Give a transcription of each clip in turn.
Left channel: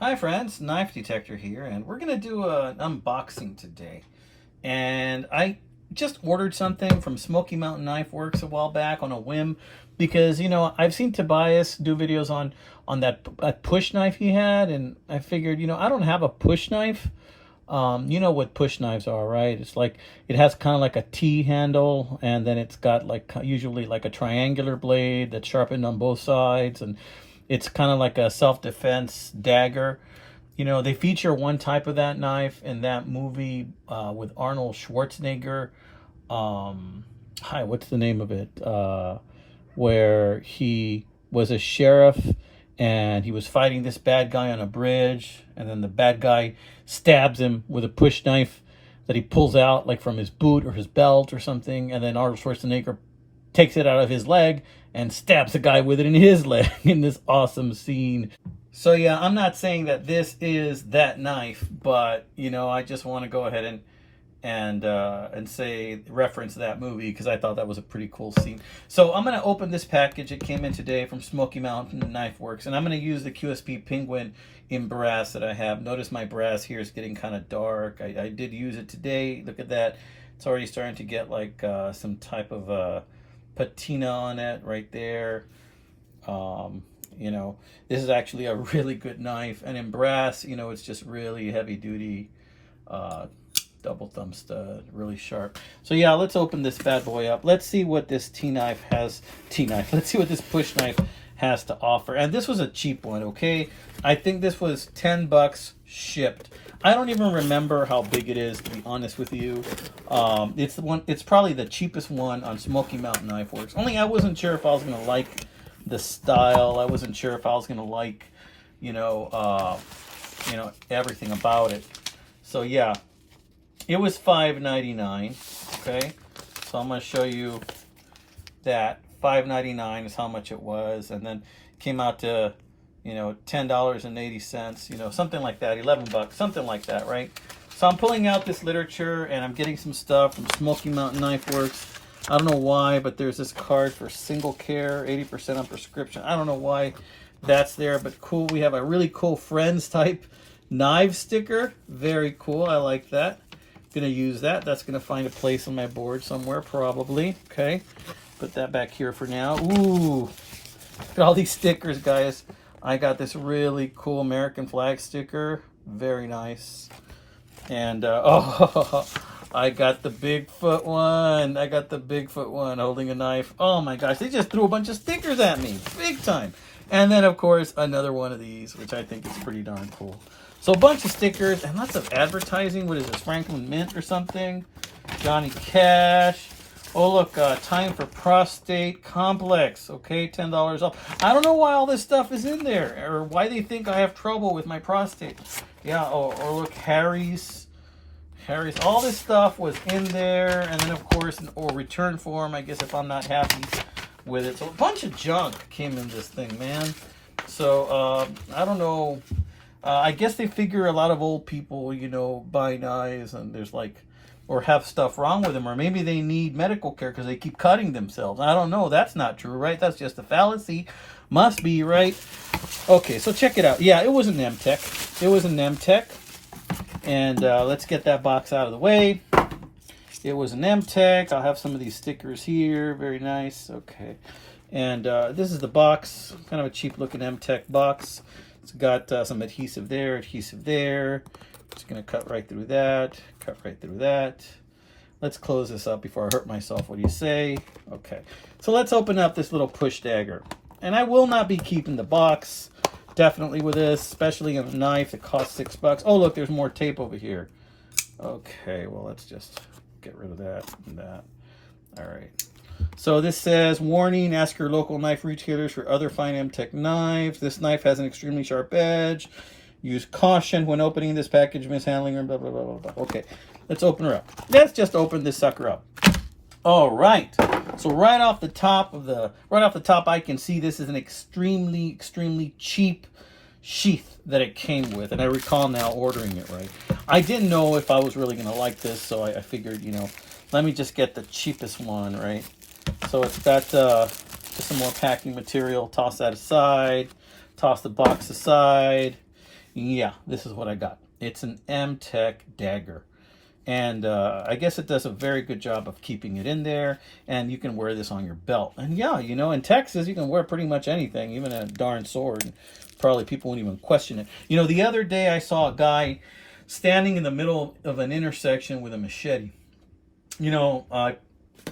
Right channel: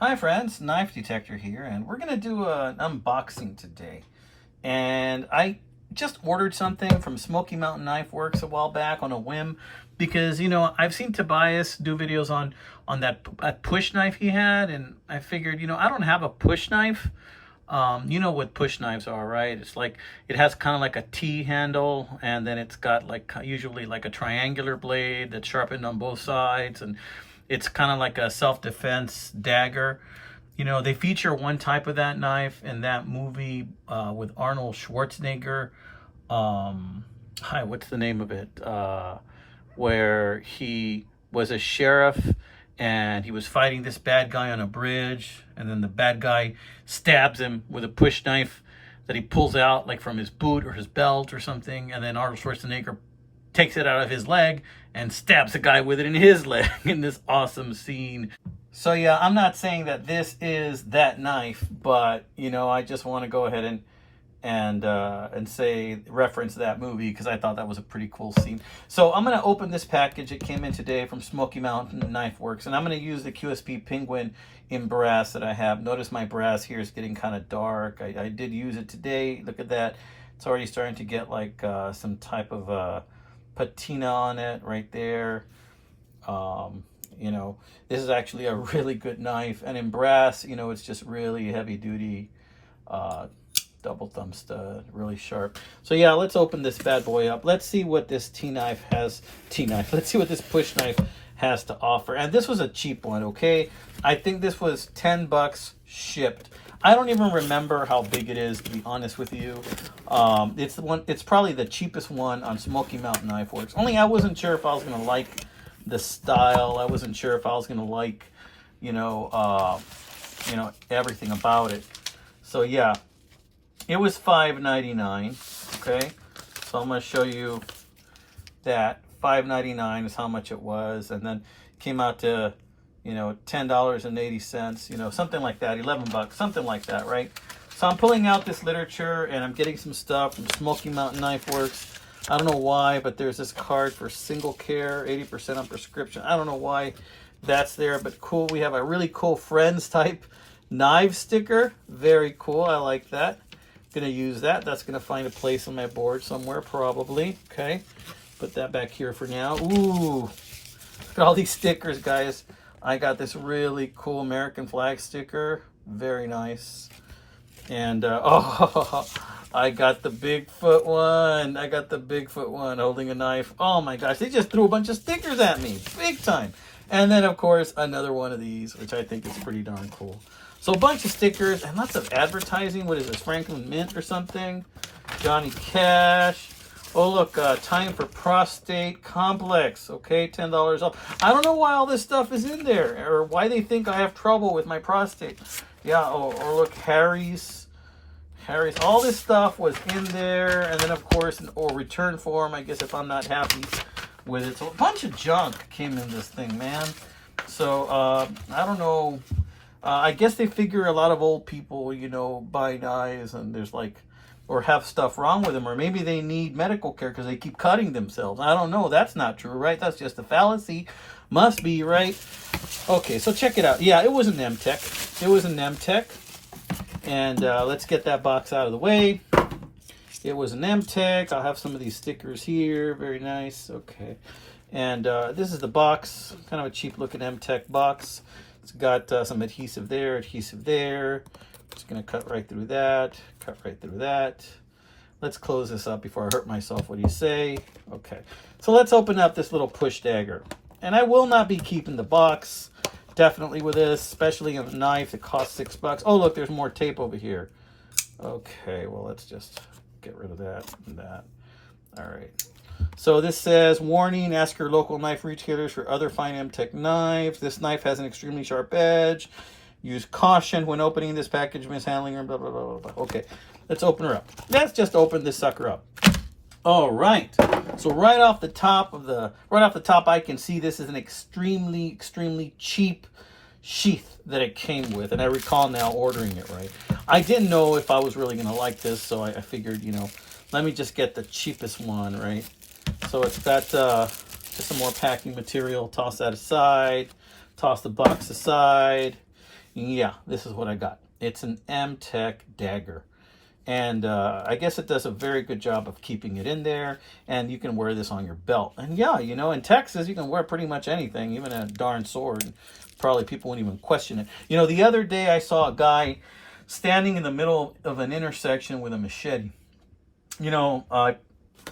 Hi friends, Knife Detector here, and we're going to do an unboxing today. And I just ordered something from Smoky Mountain Knife Works a while back on a whim because, I've seen Tobias do videos on that push knife he had, and I figured, I don't have a push knife. You know what push knives are, right? It's like it has kind of like a T handle, and then it's got like usually like a triangular blade that's sharpened on both sides, and it's kind of like a self-defense dagger. They feature one type of that knife in that movie with Arnold Schwarzenegger. What's the name of it? Where he was a sheriff and he was fighting this bad guy on a bridge, and then the bad guy stabs him with a push knife that he pulls out like from his boot or his belt or something, and then Arnold Schwarzenegger takes it out of his leg and stabs the guy with it in his leg in this awesome scene. So yeah, I'm not saying that this is that knife, but I just want to go ahead and say reference that movie because I thought that was a pretty cool scene. So I'm gonna open this package. It came in today from Smoky Mountain Knife Works, and I'm gonna use the QSP Penguin in brass that I have. Notice my brass here is getting kind of dark. I did use it today. Look at that. It's already starting to get like some type of patina on it right there. This is actually a really good knife, and in brass, it's just really heavy duty, double thumb stud, really sharp. So yeah, let's open this bad boy up. Let's see what this let's see what this push knife has to offer. And this was a cheap one, okay? I think this was 10 bucks shipped. I don't even remember how big it is, to be honest with you. It's probably the cheapest one on Smoky Mountain Knife Works. Only I wasn't sure if I was gonna like the style. I wasn't sure if I was gonna like, everything about it. So yeah, it was $5.99. Okay, so I'm gonna show you that $5.99 is how much it was, and then it came out to $10.80, something like that, 11 bucks, something like that, right? So I'm pulling out this literature and I'm getting some stuff from Smoky Mountain Knife Works. I don't know why, but there's this card for single care, 80% on prescription. I don't know why that's there, but cool. We have a really cool Friends type knife sticker. Very cool. I like that. Gonna use that. That's gonna find a place on my board somewhere, probably. Okay. Put that back here for now. Ooh. Look at all these stickers, guys. I got this really cool American flag sticker. Very nice. And I got the Bigfoot one. I got the Bigfoot one holding a knife. Oh my gosh, they just threw a bunch of stickers at me. Big time. And then, of course, another one of these, which I think is pretty darn cool. So a bunch of stickers and lots of advertising. What is this, Franklin Mint or something? Johnny Cash. Oh, look, time for prostate complex. Okay, $10 off. I don't know why all this stuff is in there or why they think I have trouble with my prostate. Yeah, or look, Harry's, all this stuff was in there. And then, of course, return form, I guess, if I'm not happy with it. So a bunch of junk came in this thing, man. So, I don't know. I guess they figure a lot of old people, buy knives and there's like, or have stuff wrong with them, or maybe they need medical care because they keep cutting themselves. I don't know. That's not true, right? That's just a fallacy. Must be, right? Okay, so check it out. Yeah, it was an Mtech. It was an Mtech. And let's get that box out of the way. It was an Mtech. I'll have some of these stickers here. Very nice. Okay. And this is the box. Kind of a cheap looking Mtech box. It's got some adhesive there, Just going to cut right through that, cut right through that. Let's close this up before I hurt myself. What do you say? Okay. So let's open up this little push dagger. And I will not be keeping the box, definitely with this, especially on a knife that costs $6. Oh, look, there's more tape over here. Okay, well, let's just get rid of that and that. All right. So this says, warning, ask your local knife retailers for other fine Mtech knives. This knife has an extremely sharp edge. Use caution when opening this package, mishandling her, blah, blah, blah, blah, blah. Okay, let's open her up. Let's just open this sucker up. All right. So right off the top, I can see this is an extremely, extremely cheap sheath that it came with. And I recall now ordering it, right? I didn't know if I was really going to like this, so I figured, let me just get the cheapest one, right? So it's got just some more packing material. Toss that aside. Toss the box aside. Yeah, this is what I got. It's an Mtech Dagger. And I guess it does a very good job of keeping it in there, and you can wear this on your belt. And yeah, you know, in Texas, you can wear pretty much anything, even a darn sword. Probably people wouldn't even question it. You know, the other day I saw a guy standing in the middle of an intersection with a machete. You know,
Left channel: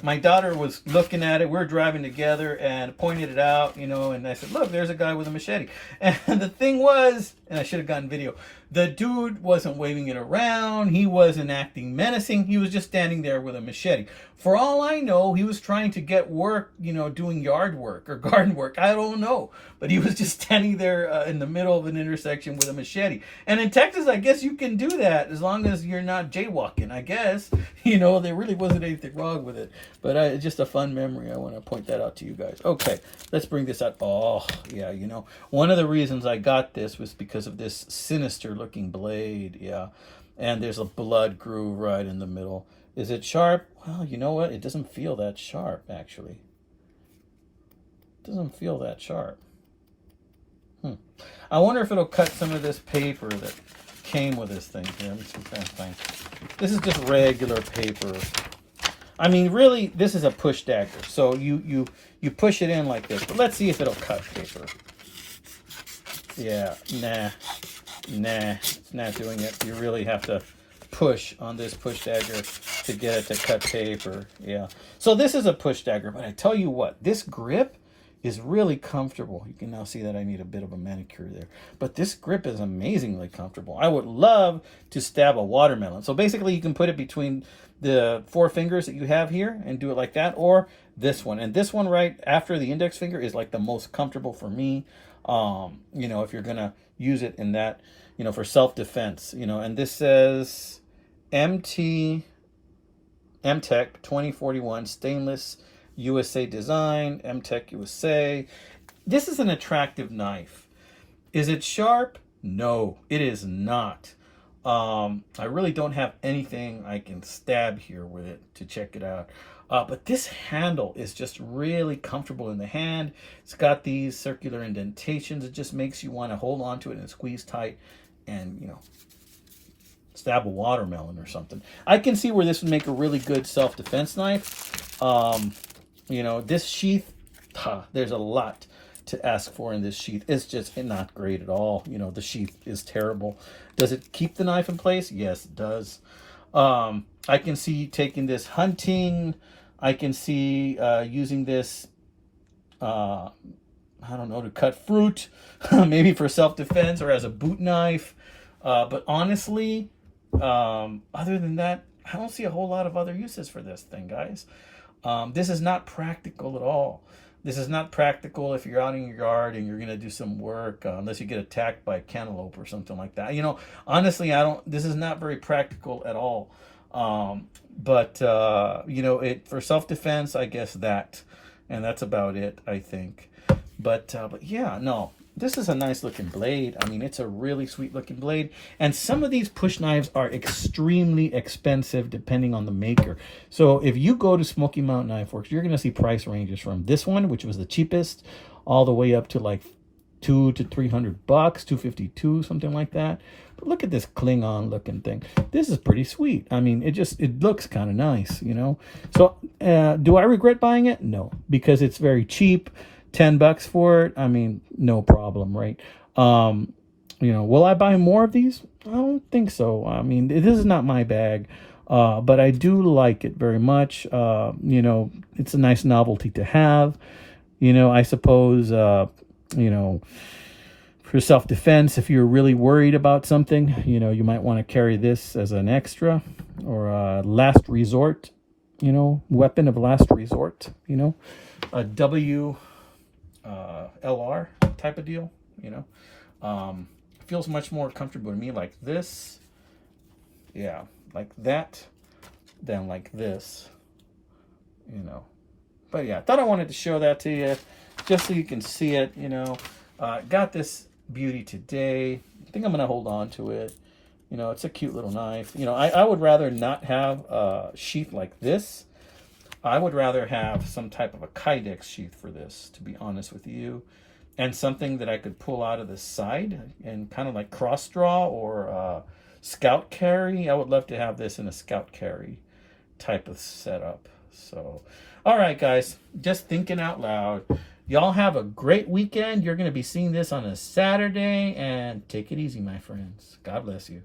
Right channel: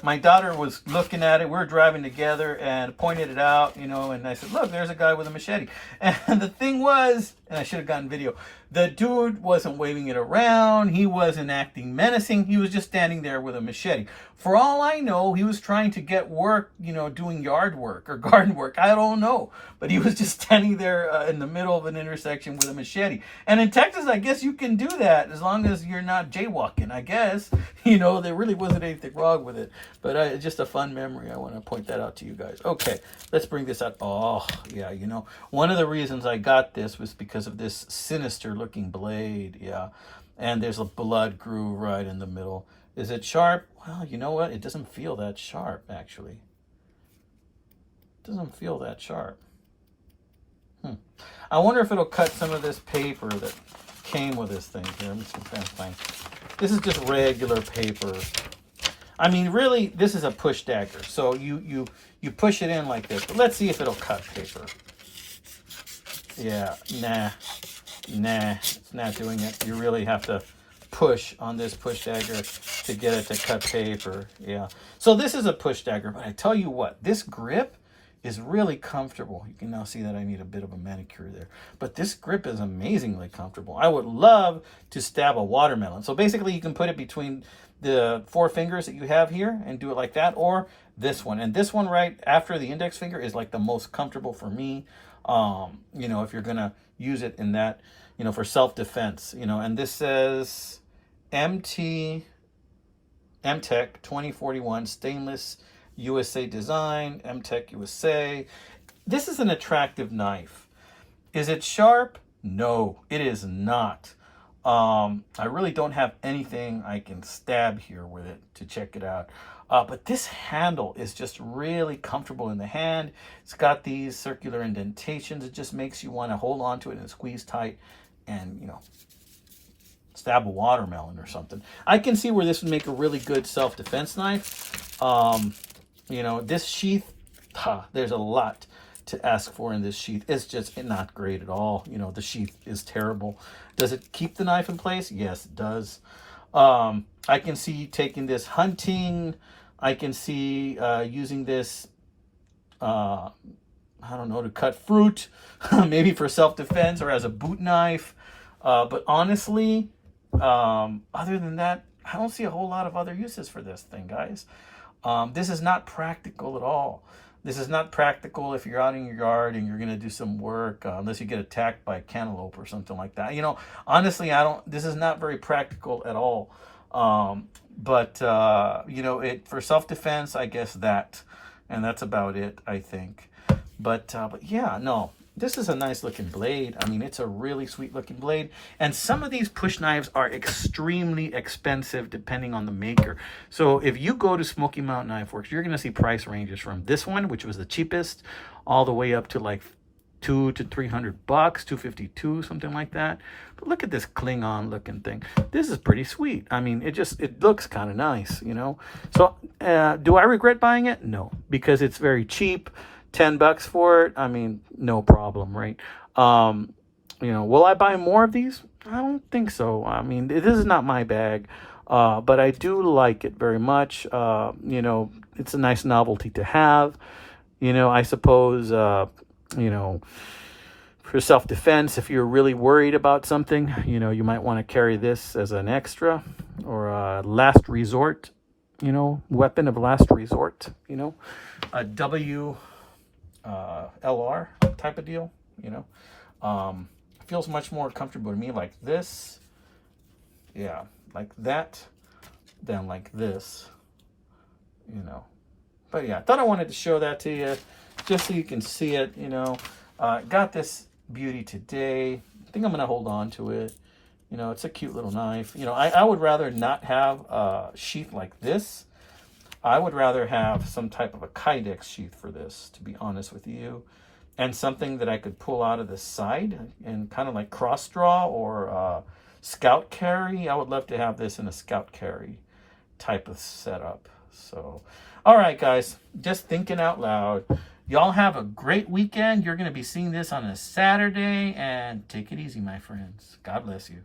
my daughter was looking at it. We were driving together and pointed it out, you know, and I said, look, there's a guy with a machete. And the thing was, and I should have gotten video, the dude wasn't waving it around. He wasn't acting menacing. He was just standing there with a machete. For all I know, he was trying to get work, you know, doing yard work or garden work. I don't know. But he was just standing there in the middle of an intersection with a machete. And in Texas, I guess you can do that as long as you're not jaywalking, I guess. You know, there really wasn't anything wrong with it. But it's just a fun memory. I want to point that out to you guys. Okay, let's bring this out. Oh, yeah, you know, one of the reasons I got this was because of this sinister looking blade. Yeah, and there's a blood groove right in the middle. Is it sharp? Well, you know what? It doesn't feel that sharp, actually. It doesn't feel that sharp. I wonder if it'll cut some of this paper that came with this thing. Here, let me see if I can find. This is just regular paper. I mean, really, this is a push dagger. So you push it in like this. But let's see if it'll cut paper. Yeah, nah, it's not doing it. You really have to push on this push dagger to get it to cut paper. Yeah. So this is a push dagger, but I tell you what, this grip is really comfortable. You can now see that I need a bit of a manicure there. But this grip is amazingly comfortable. I would love to stab a watermelon. So basically you can put it between the 4 fingers that you have here and do it like that, or this one. And this one right after the index finger is like the most comfortable for me. You know, if you're gonna use it in that, you know, for self-defense, you know. And this says Mtech 2041 stainless USA design, Mtech USA. This is an attractive knife. Is it sharp? No, it is not. I really don't have anything I can stab here with it to check it out. But this handle is just really comfortable in the hand. It's got these circular indentations. It just makes you want to hold on to it and squeeze tight and, you know, stab a watermelon or something. I can see where this would make a really good self-defense knife. You know, this sheath, there's a lot to ask for in this sheath. It's just not great at all. You know, the sheath is terrible. Does it keep the knife in place? Yes, it does. I can see taking this hunting. I can see using this, I don't know, to cut fruit, maybe for self-defense or as a boot knife. But honestly, other than that, I don't see a whole lot of other uses for this thing, guys. This is not practical at all. This is not practical if you're out in your yard and you're going to do some work, unless you get attacked by a cantaloupe or something like that. You know, honestly, this is not very practical at all. You know, for self-defense, I guess and that's about it, I think. But yeah, no, this is a nice looking blade. I mean, it's a really sweet looking blade. And some of these push knives are extremely expensive depending on the maker. So if you go to Smoky Mountain Knife Works, you're going to see price ranges from this one, which was the cheapest, all the way up to like $200 to $300, $252, something like that. But look at this Klingon looking thing. This is pretty sweet. I mean, it looks kind of nice, you know. So do I regret buying it? No, because it's very cheap. $10 for it, I mean, no problem, right? You know, will I buy more of these? I don't think so. I mean, this is not my bag, but I do like it very much. You know, it's a nice novelty to have. You know, I suppose, you know, for self-defense, if you're really worried about something, you know, you might want to carry this as an extra or a last resort, you know, weapon of last resort, you know, a LR type of deal, you know. Feels much more comfortable to me like this, yeah, like that, than like this, you know. But yeah, I thought I wanted to show that to you just so you can see it, you know. Got this beauty today. I think I'm gonna hold on to it. You know, it's a cute little knife. You know, I would rather not have a sheath like this. I would rather have some type of a Kydex sheath for this, to be honest with you. and something that I could pull out of the side and kind of like cross draw or scout carry. I would love to have this in a scout carry type of setup. So, all right, guys, just thinking out loud. Y'all have a great weekend. You're going to be seeing this on a Saturday, and take it easy, my friends. God bless you.